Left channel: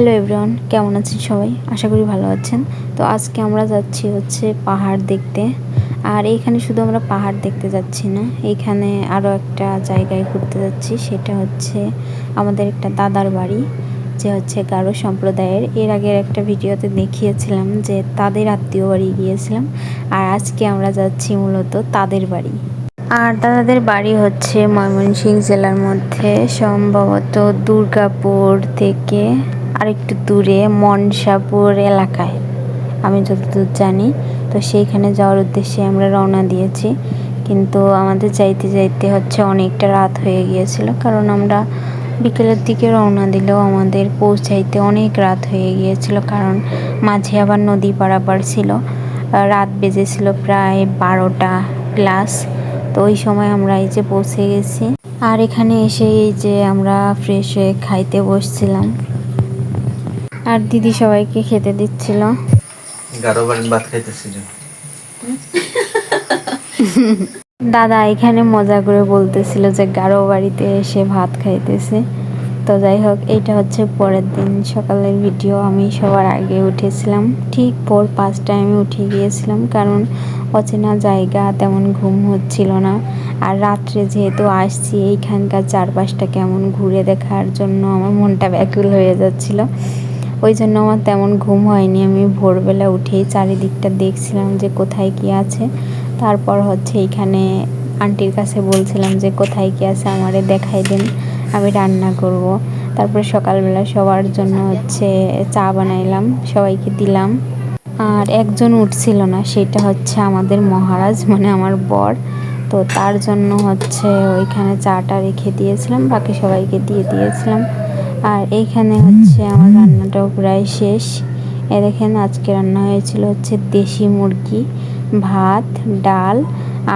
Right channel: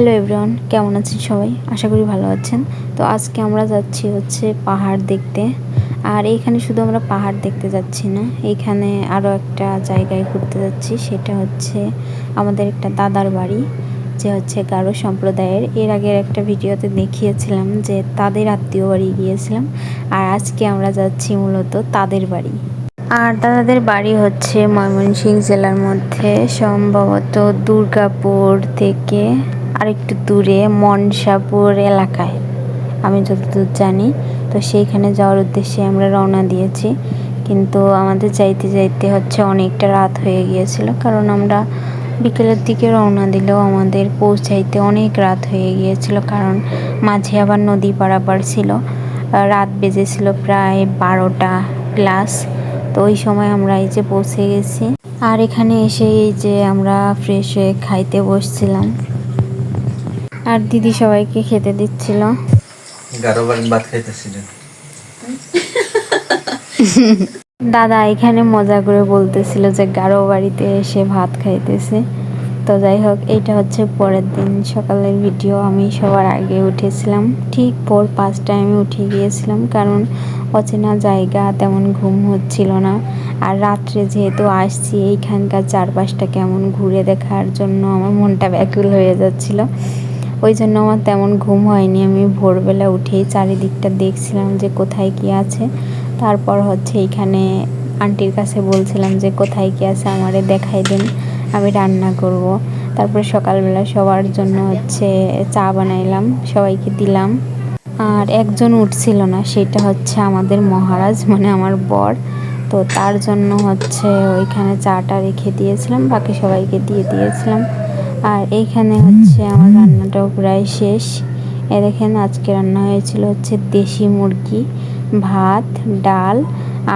Hello everyone, কেমন আছেন সবাই? আশা করি ভালো আছেন। তো আজকে আমরা যাচ্ছি পাহাড় দেখতে। আর এইখানে শুধু আমরা পাহাড় দেখতে যাচ্ছি না, এইখানে আরও একটা জায়গায় ঘুরতে যাচ্ছি। সেটা হচ্ছে আমাদের একটা দাদার বাড়ি, যে গারো সম্প্রদায়ের। এর আগের একটা ভিডিওতে দেখিয়েছিলাম যে তাদের আত্মীয় বাড়ি গিয়েছিলাম, আর আজকে আমরা যাচ্ছি মূলত তাদের বাড়ি। আর দাদাদের বাড়ি ময়মনসিংহ জেলার মধ্যে, সম্ভবত দুর্গাপুর থেকে আরেকটু দূরে মনসাপুর এলাকায়, আমি যতদূর জানি। তো সেইখানে যাওয়ার উদ্দেশ্যে আমরা রওনা দিয়েছি, কিন্তু আমাদের যাইতে যাইতে অনেকটা রাত হয়ে গিয়েছিল, কারণ আমরা বিকেলের দিকে রওনা দিলেও আমাদের পৌঁছাইতে অনেক রাত হয়ে গিয়েছিল, কারণ মাঝে আবার নদী পারাপার ছিল। রাত বেজেছিল প্রায় 12টা প্লাস। তো ওই সময় আমরা পৌঁছে গেছি। আর এখানে এসে আমরা ফ্রেশ হয়ে খাইতে বসছিলাম, আর দিদি সবাইকে খেতে দিচ্ছিল। দাদা এখানে মজা করে বলতেছিল যে গারো বাড়িতে এসে ভাত খাইতেছে। তো যাই হোক, এইটা পরের দিন সকালের ভিডিও। আমি সবার আগে উঠেছিলাম, ঠিক ভোর 5টায় আমি উঠে গিয়েছিলাম, কারণ অচেনা জায়গা, তেমন ঘুম হচ্ছিল না। আর রাত্রে যেহেতু আসছি, এইখানকার চারপাশটা কেমন ঘুরে দেখার জন্য আমার মনটা ব্যাকুল হয়ে যাচ্ছিল। ওই জন্য আমার তেমন ঘুম হয়নি। আমি ভোরবেলা উঠেই চারিদিকটা দেখছিলাম যে কোথায় কী আছে। তারপর এইখানে আন্টির কাছে বলছিলাম যে কোথায় কী আছে আমারে দেখাই দিন, আমি রান্না করব। তারপরে সকালবেলা সবার জন্য চা বানাইলাম, সবাইকে দিলাম। আর একজন উঠছিল না, সেটা আমাদের মহারাজ, মানে আমার বর। তো তার জন্য ওইখানে চাটা রেখে দিয়েছিলাম, বাকি সবাইকে দিয়ে দিয়েছিলাম। আর এইখানে আমার রান্নাটাও প্রায় শেষ। দেখেন, আজকে রান্না হয়েছিল দেশি মুরগি, ভাত, ডাল,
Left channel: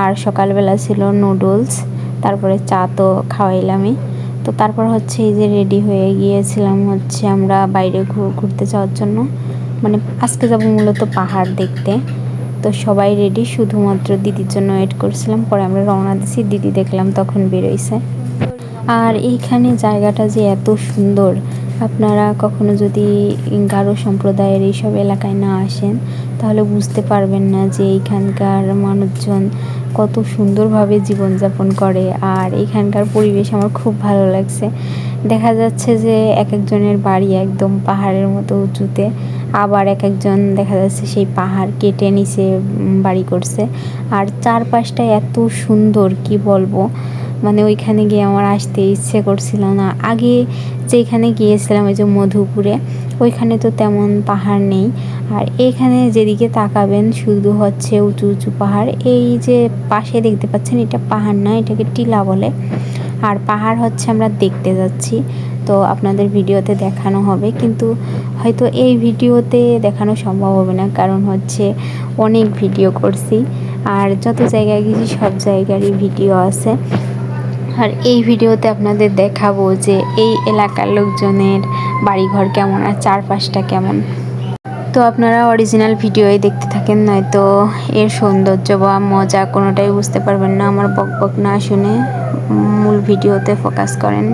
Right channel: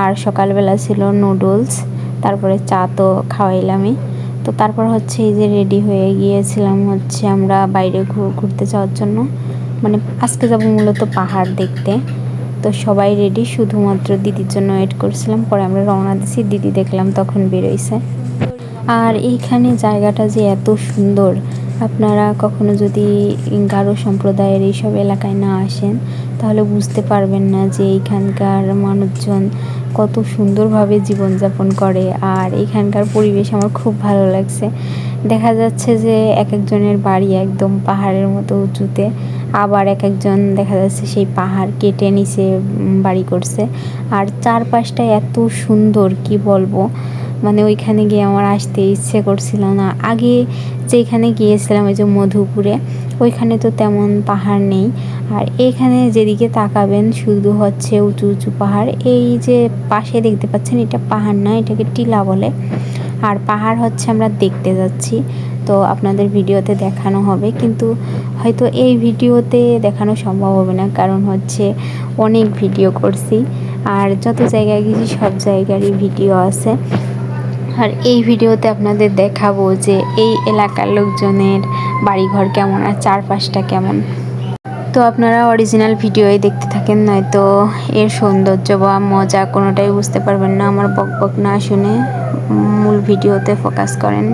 আর সকালবেলা ছিল নুডলস। তারপরে চা তো খাওয়াইলামই। তো তারপর রেডি হয়ে গিয়েছিলাম আমরা বাইরে ঘুরতে যাওয়ার জন্য, মানে আজকে যাব মূলত পাহাড় দেখতে। তো সবাই রেডি, শুধুমাত্র দিদির জন্য ওয়েট করছিলাম। পরে আমরা রওনা দিছি, দিদি দেখলাম তখন বেরোইছে। আর এইখানে জায়গাটা যে এত সুন্দর, আপনারা কখনো যদি গারো সম্প্রদায়ের এইসব এলাকায় না আসেন, তাহলে বুঝতে পারবেন না যে এইখানকার মানুষজন কত সুন্দরভাবে জীবনযাপন করে। আর এইখানকার পরিবেশ আমার খুব ভালো লাগছে। দেখা যাচ্ছে যে এক একজনের বাড়ি একদম পাহাড়ের মতো উঁচুতে, আবার এক একজন দেখা যাচ্ছে সেই পাহাড় কেটে নিচে বাড়ি করছে। আর চারপাশটা এত সুন্দর, কি বলবো, মানে ওইখানে গিয়ে আমার আসতে ইচ্ছে করছিল না। আগে যেখানে গিয়েছিলাম ওই যে মধুপুরে, ওইখানে তো তেমন পাহাড় নেই। আর এইখানে যেদিকে তাকাবেন শুধু উঁচু উঁচু পাহাড়। এই যে পাশে দেখতে পাচ্ছেন, এটা পাহাড় না, এটাকে টিলা বলে। আর পাহাড় আমরা দেখতে যাচ্ছি, তো আপনাদের ভিডিওতে দেখানো হবে, কিন্তু হয়তো এই ভিডিওতে দেখানো সম্ভব হবে না, কারণ অনেক ভিডিও করছি। আর যত জায়গায় গেছি সব জায়গারই ভিডিও আছে। আর এই ভিডিওতে আপনাদের দেখাবো যে এই এলাকার লোকজনের বাড়িঘর কেমন আর চারপাশটা কেমন। তো আপনারা অরিজিনাল ভিডিওই দেখতে থাকেন, নয়তো এর সৌন্দর্য বা মজা কোনোটাই বুঝতে পারবেন না। আমার বক বক না শুনে মূল ভিডিওতে ফোকাস করেন।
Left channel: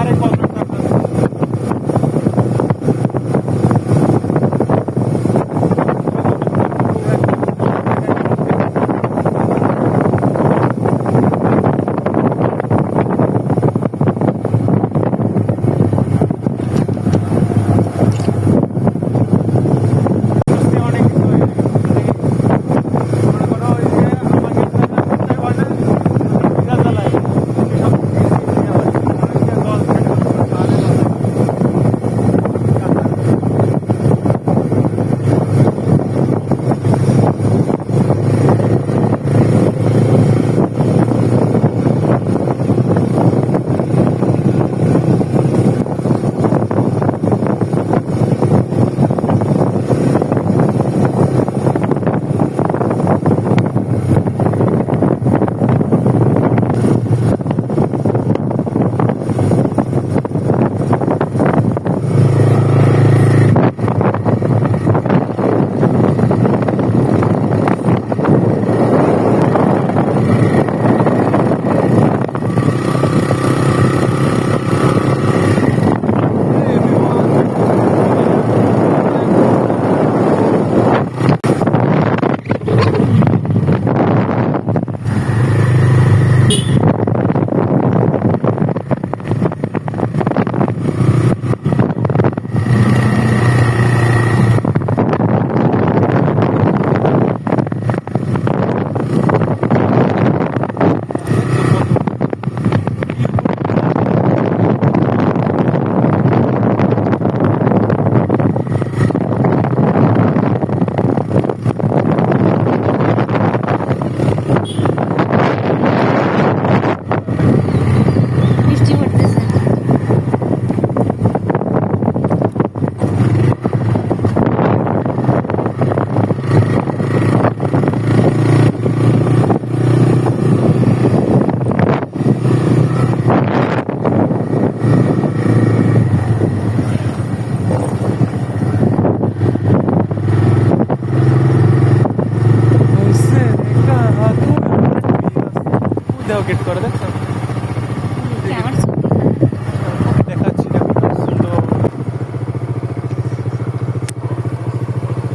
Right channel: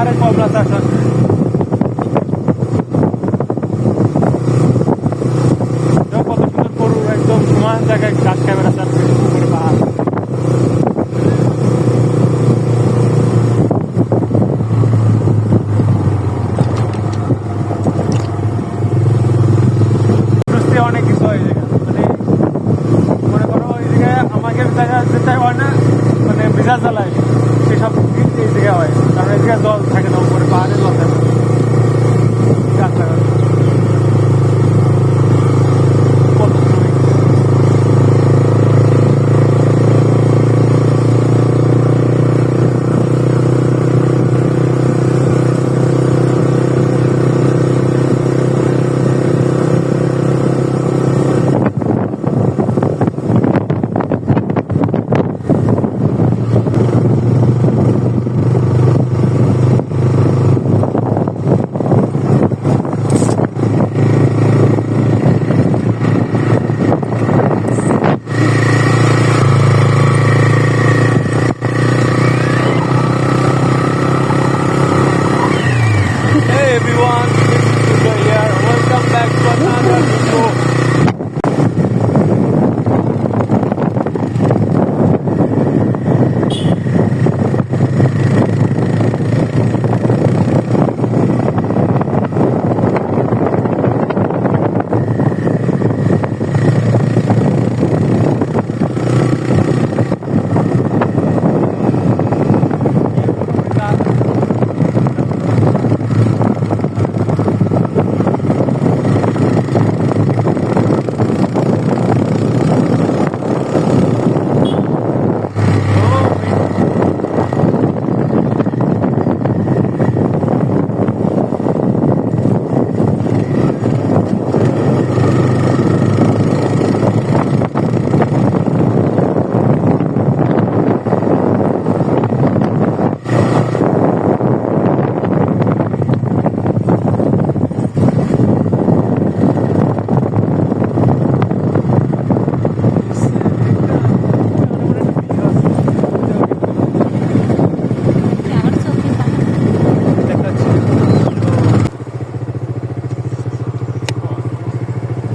পাহাড়ে কমলা চাষ আছে। একদম মাছ জায়গায় গাছ ক্যামেরা আছে। অনেক কিছু হয় মনে করো ওই জায়গায় আমাদের জায়গা যেটা হয় না মানে বিশাল চালায় সেসব কিন্তু এই জায়গায় হয় কারণ এই জায়গায় জল থাকে না উপরে পাহাড়ে জল থাকে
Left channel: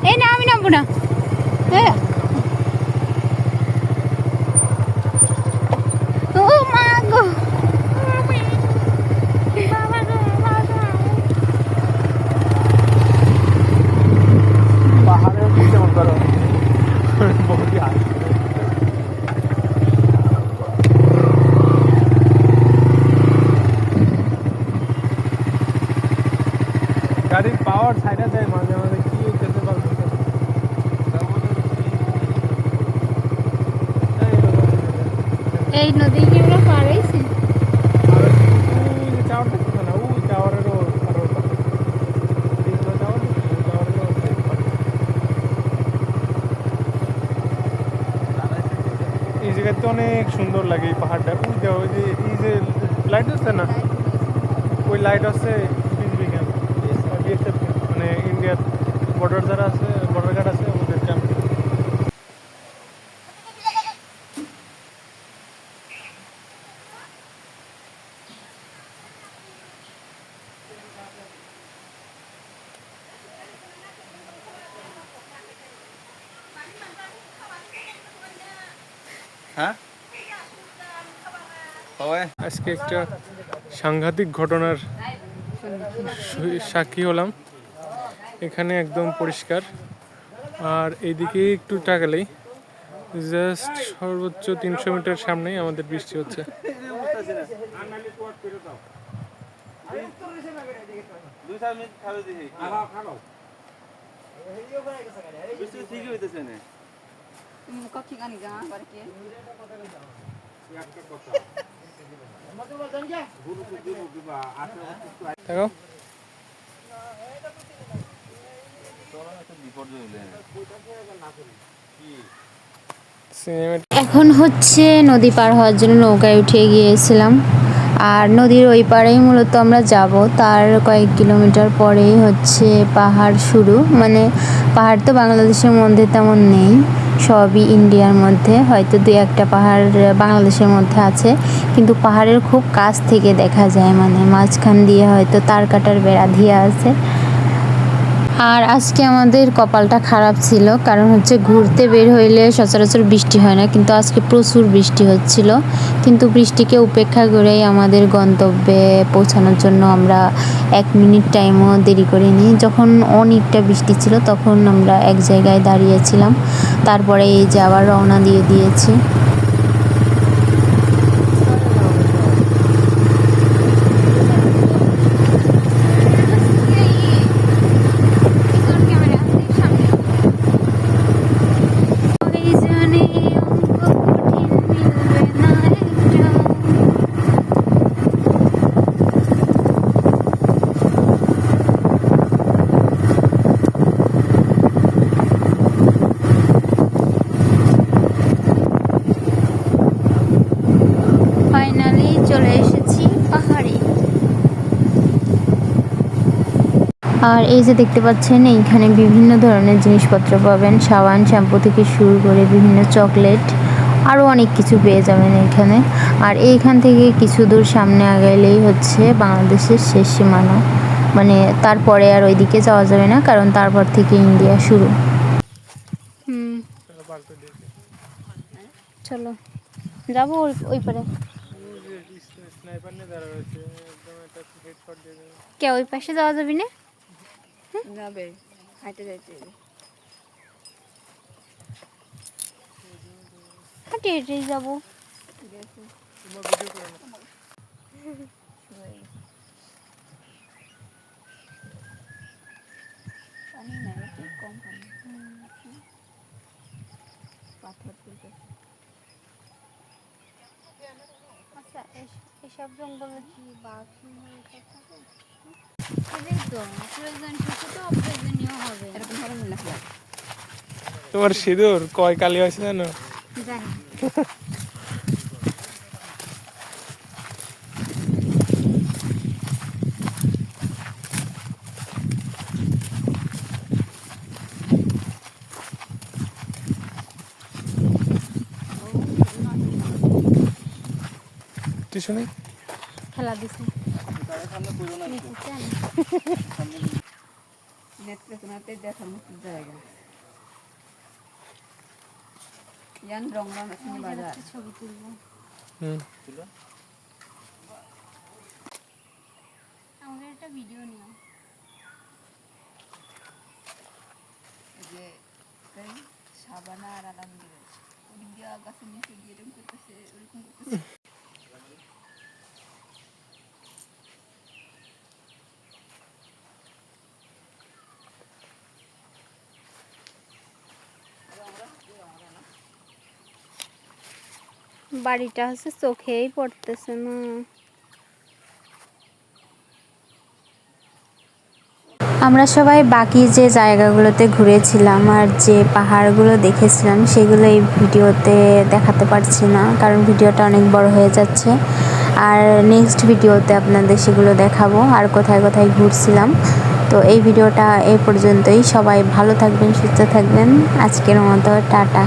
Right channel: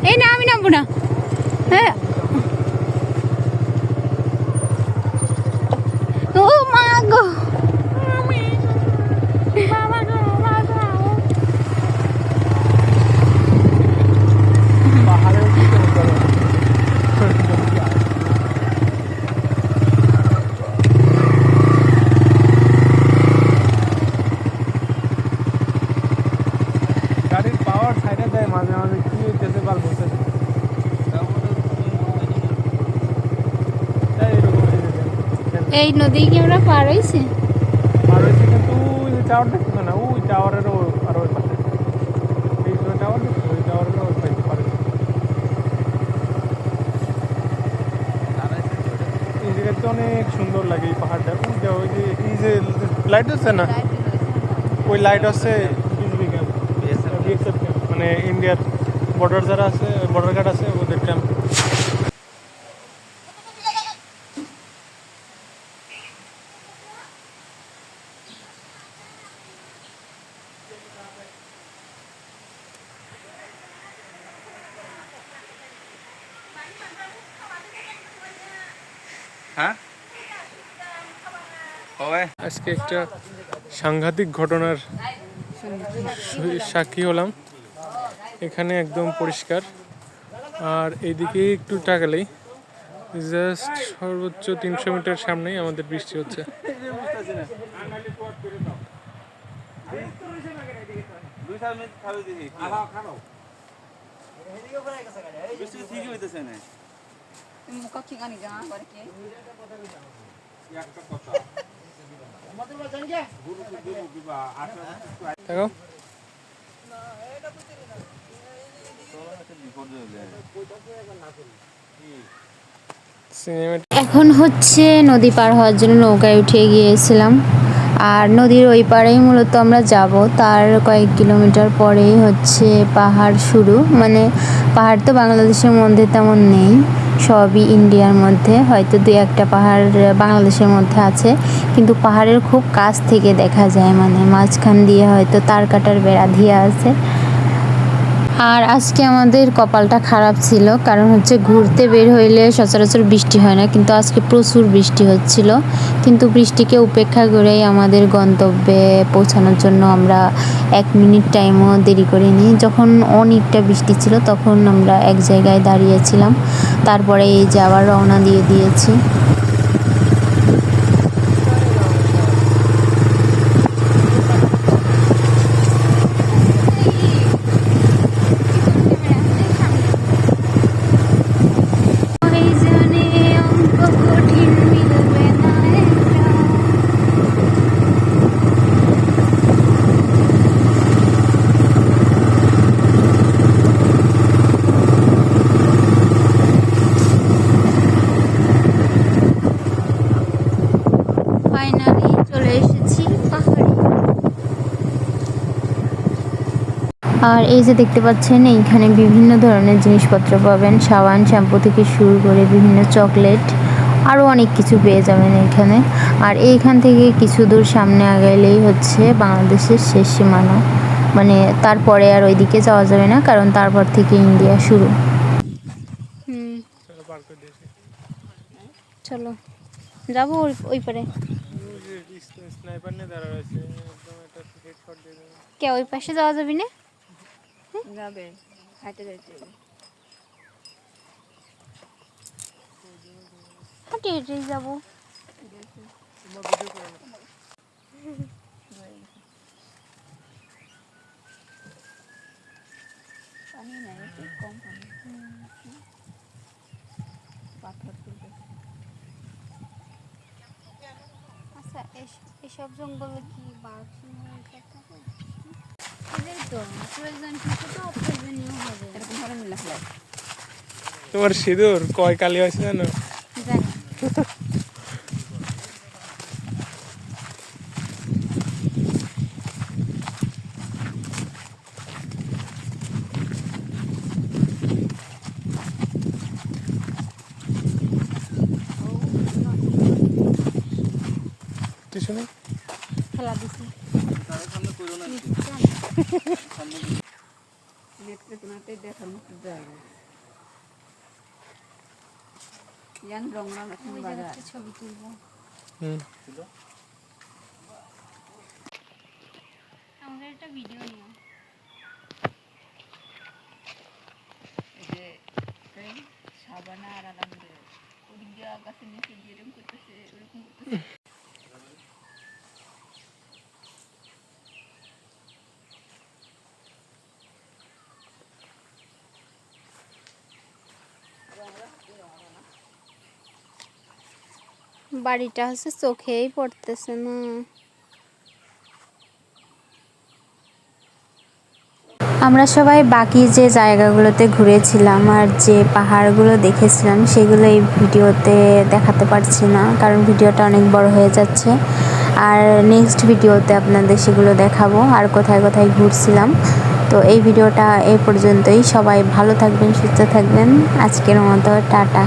এই না আমি নামবো না হ্যাঁ ও মা গো পাহাড়েও দিতে মতো গাড়ির পাওয়ার সাইডে দেয় মাঝে মাঝে কি হইতেছে কাল এই নদী কি আমরা পার হইছি অনেক সুন্দর লাগে এই পাহাড়টা ওই যে লাইট আছে না ওই লাইট আছে মানে ইন্ডিয়ার বর্ডার যারা আছে বর্ডার গার্ড আছে ওদের ক্যাম্প হ্যাঁ আজকে একটা সাংঘাতিক ঘটনার সাক্ষী হলাম এখানে একদম পরিষ্কার আর এইদিকে একটু তাকালেই জাস্ট সর্বোচ্চ 300 মিটার সামনেই আমাদের বৃষ্টি হচ্ছে দেখো এখন হচ্ছে নদী পার হওয়ার জন্য নৌকায় উঠে গিয়েছিলাম আর নদীর ওই পাড়েই মূলত আমরা যাব তার কয়েক কিলোমিটার পরেই হচ্ছে পাহাড় শুরু মানে পাহাড় তো বাংলাদেশের মধ্যে তেমন নেই সবই ইন্ডিয়ার মধ্যে, হয়তো দুই একটা পাহাড় বাংলাদেশের মধ্যে আছে, কিন্তু পাহাড়ের খুব কাছ থেকে দেখা যায়, মানে মাঝখান দিয়ে হয়তো তার কাটার বেড়া দিয়ে আছে। আর আজকে আমাদের কপালটা খারাপ ছিল, কারণ হচ্ছে ঘুরতে বের হইলে সচরাচর বৃষ্টি হয় না, কিন্তু আজকে প্রচুর বৃষ্টি হচ্ছিল। কিন্তু বৃষ্টিকে উপেক্ষা করেই আমাদের গন্তব্যে পৌঁছানোর জন্য আমরা 1 মিনিট টাইমও দেরি করিনি। যখন অনেকটা বৃষ্টি ছিল তখন আমরা এক জায়গায় দাঁড়িয়েছিলাম, তারপরে এই যে আবার রওনা দিয়ে দিয়েছি। ফাইনালি চলে এসেছি পাহাড়ে। আর এই যে দেখতে পাচ্ছেন, এইখানে বিভিন্ন ধরনের জিনিসপত্র পাবেন, সাবান শ্যাম্পু থেকে শুরু করে বিভিন্ন চকলেট, আরও অনেক কিছু পেয়ে যাবেন এখানে। আর এইখান থেকে কিছু দূর সামনে আগাইলেই হচ্ছে বাংলাদেশের শেষ সীমানা, মানে তারপরে আর ওইদিকে যাওয়া যাবে না, কারণ তারপর থেকে ইন্ডিয়া শুরু। চলো যাবো ওই পারে। কে ওই পাশে যাওয়া যাবে না? যাবে হাইটে যাইতে হেঁটে হেঁটেই যাবো। পানি নাই, একটু কম পানি। পাথর তুলতে আচ্ছা, এসব জঙ্গলে কি বাঘ সিংহ এসব থাকে? এটাই তো প্রয়োজন, কিছু তো অপ্রয়োজনীয় হবে। এরকম হবে না লাগলে তোমার সিঁদুর কয় কালি হয়েছে জানো? জানি। কিছু নেই। খেলা দিছি নেত্রকোনাতে দেখার মতো জায়গা। ইয়ান রংরান এখন বাজার ছবি তুলবো। আমাদের একটা ভিডিও নিও। এই যে সাবানা আর আলহামদুলিল্লাহ ওদিক দিয়ে গাছের নিচে দিয়ে এরকম করতেছে, ওরকম করতেছে। বাড়িটা হচ্ছে চোখেই পড়তেছে না। আমরা সবাই বাকি যে জায়গাগুলোতে ঘুরেছিলাম আর যে পাহাড়গুলো দেখেছিলাম সেগুলো এই ভিডিওতে দেখাতে পারছি না, কারণ ভিডিওটা অনেক বড় হয়ে যাচ্ছে। আর নেক্সট ভিডিওতে আপনাদের সেগুলো দেখাবো আর কোথায় কোথায় ঘুরছিলাম। তো এই ভিডিওটা এই পর্যন্তই। সবাই ভালো থাকবেন, সুস্থ থাকবেন। আজকের মতো টাটা।